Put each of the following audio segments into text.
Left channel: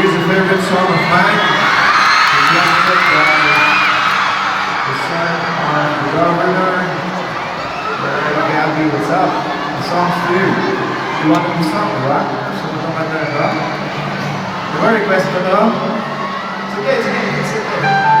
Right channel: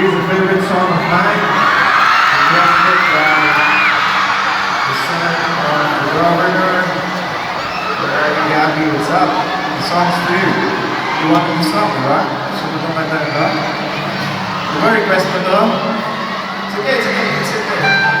Here's a favorite song of mine. We just put the sun on the governor. Hey, Gabby, what's up? The song's for you. You want the song, right? So we'll come back there, You want to request it, though? It's okay, it's okay. You can sit there.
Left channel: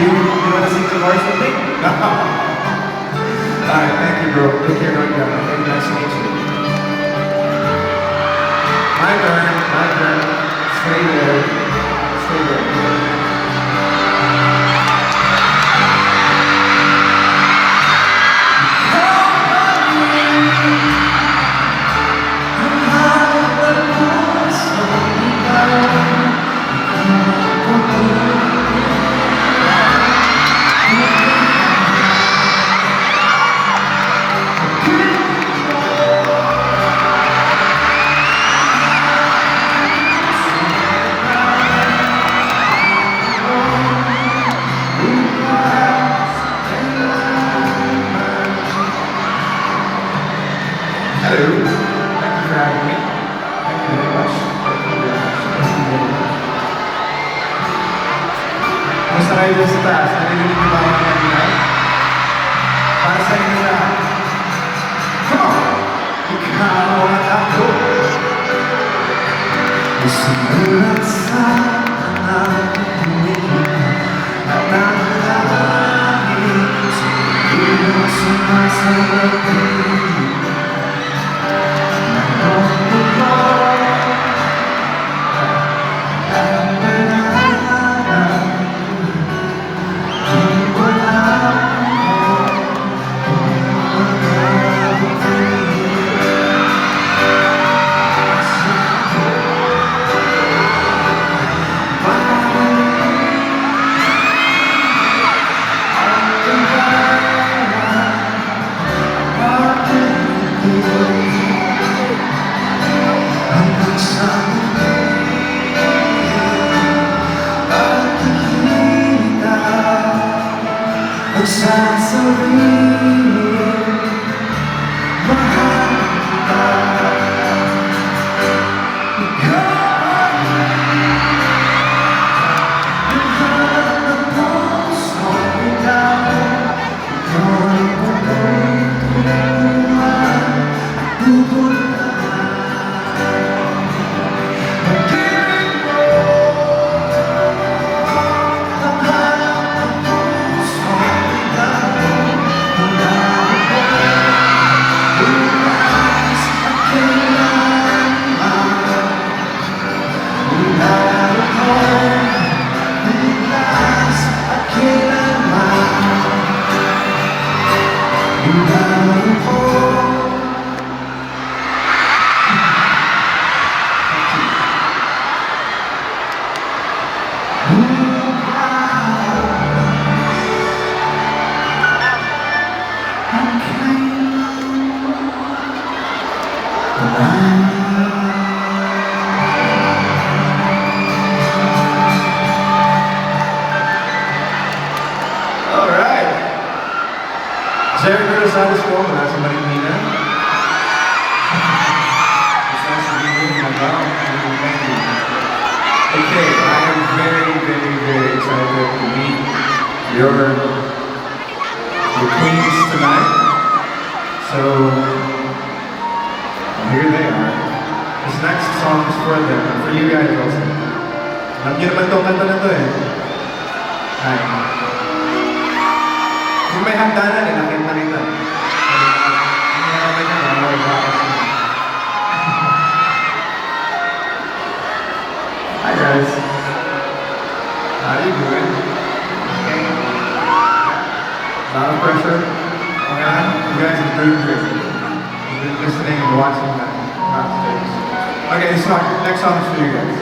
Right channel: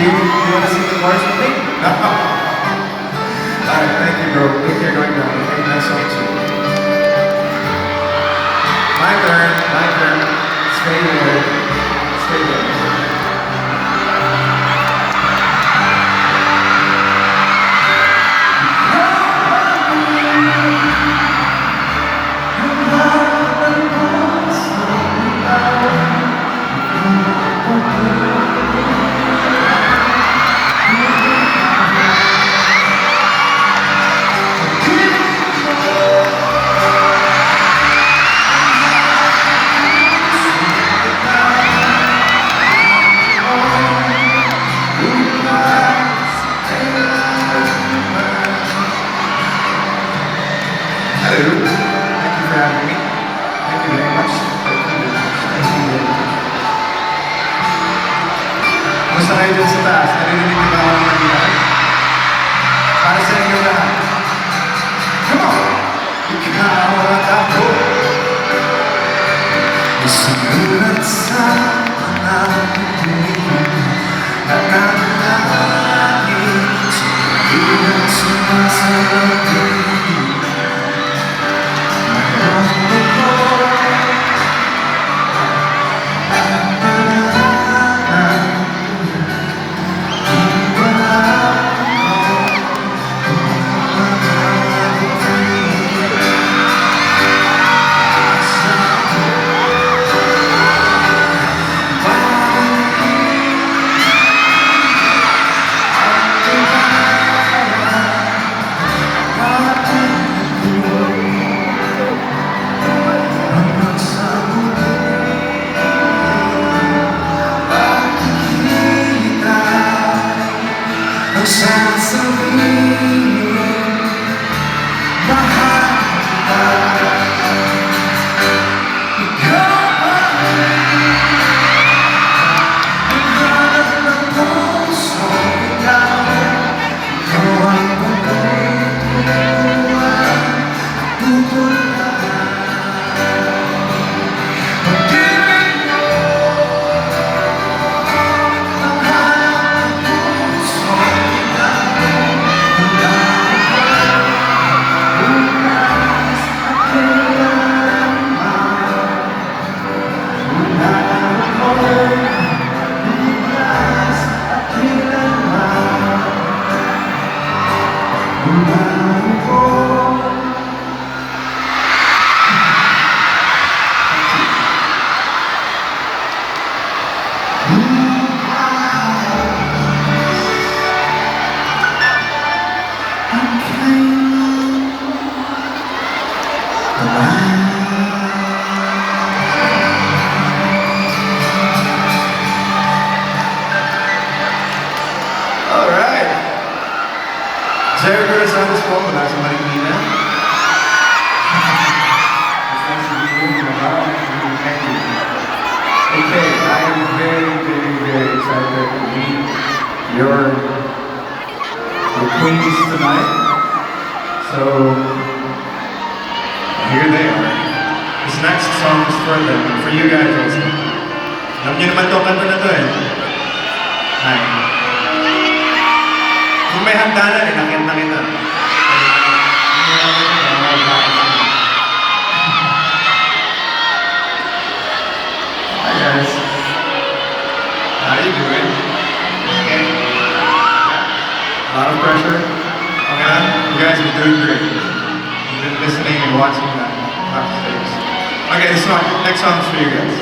You want to sing the chorus with me? Alright, thank you, bro. Take care, right now. Thank you, nice to meet you. My turn. Stay there. Stay there. Sumulat sa aking nakalangit, sumulat sa aking sasabihin, mahal ka. Ikaw ang lahat ng puso, ikaw ang pagkukuhan, pupuntahan. Pag-ibig mo ang lahat ng puso, Alright. Jericho Rosales po mula sa Marikina. Gusto na sabihin mo ba? Okay, I am very, very, very excited to meet your queens tonight. So, here they are. This next song is for them and for you guys also. Alam niyo naman itong kanta na to eh. Hi. Kung may hagdanan eh, nakita kita. Hi guys. How you doing? Okay. A lot of pressure. Okay, you guys are doing great. You've been listening and watching that backstage. Okay, this song, next song is for you guys.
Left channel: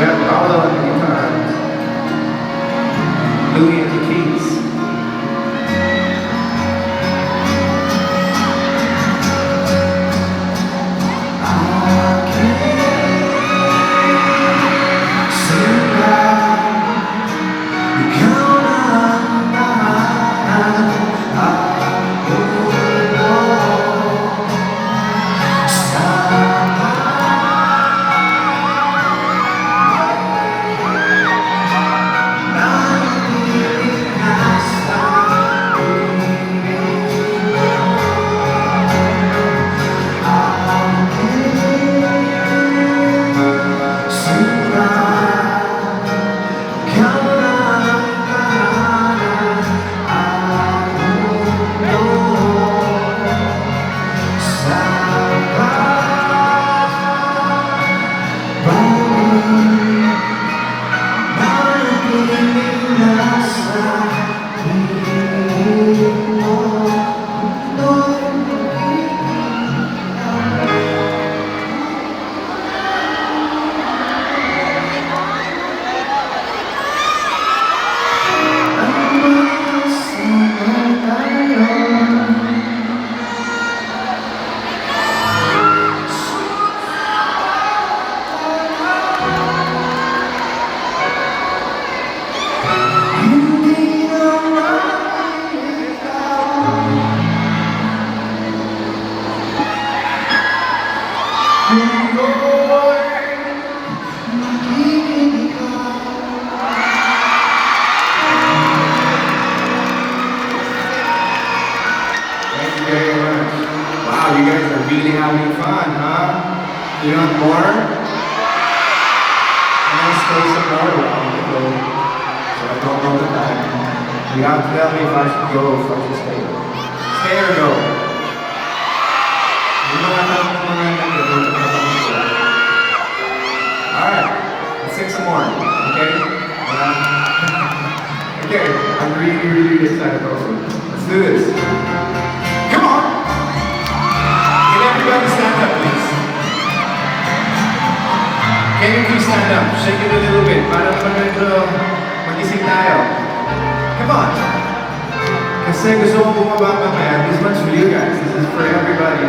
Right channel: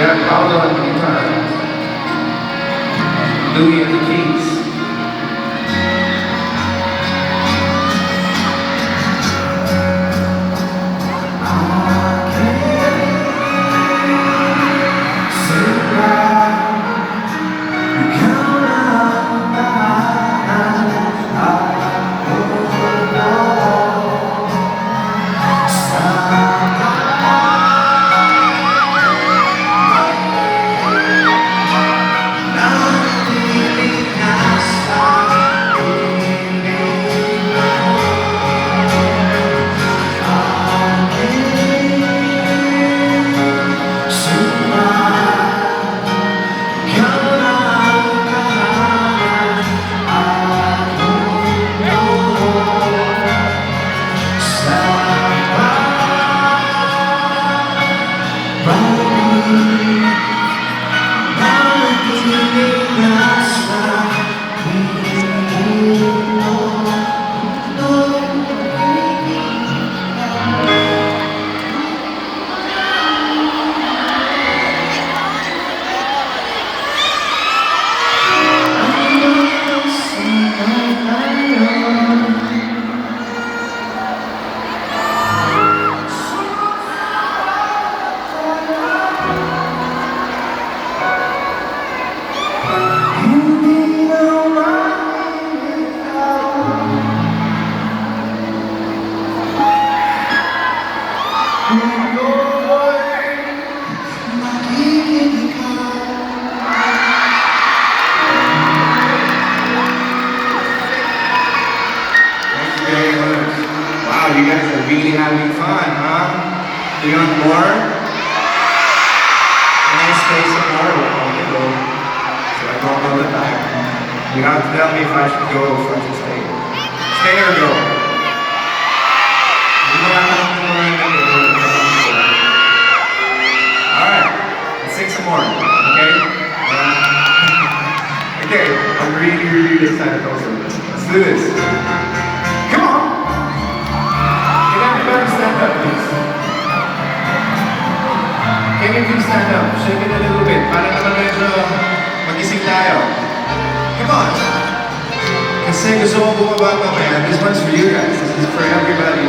got Paulo and Iman, Louie and the Keys. Wow, you guys are really having fun, huh? You want more? I'm gonna stay some more while you go. So I don't know the back. You have to tell me if I should go or if I should stay. Stay or go? Alright, let's sing some more, okay? Okay, I'm really excited also. Let's do this. Come on! Can everybody stand up, please? Can you please stand up? Shake it a little bit. Para naman medyo magising tayo. Come on! Kasi gusto mo bumaba mamaya. This one's for you guys. This is for everybody.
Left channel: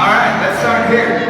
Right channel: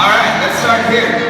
Alright, let's start here.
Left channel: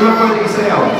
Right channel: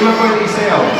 Hindi mo pwede isayaw.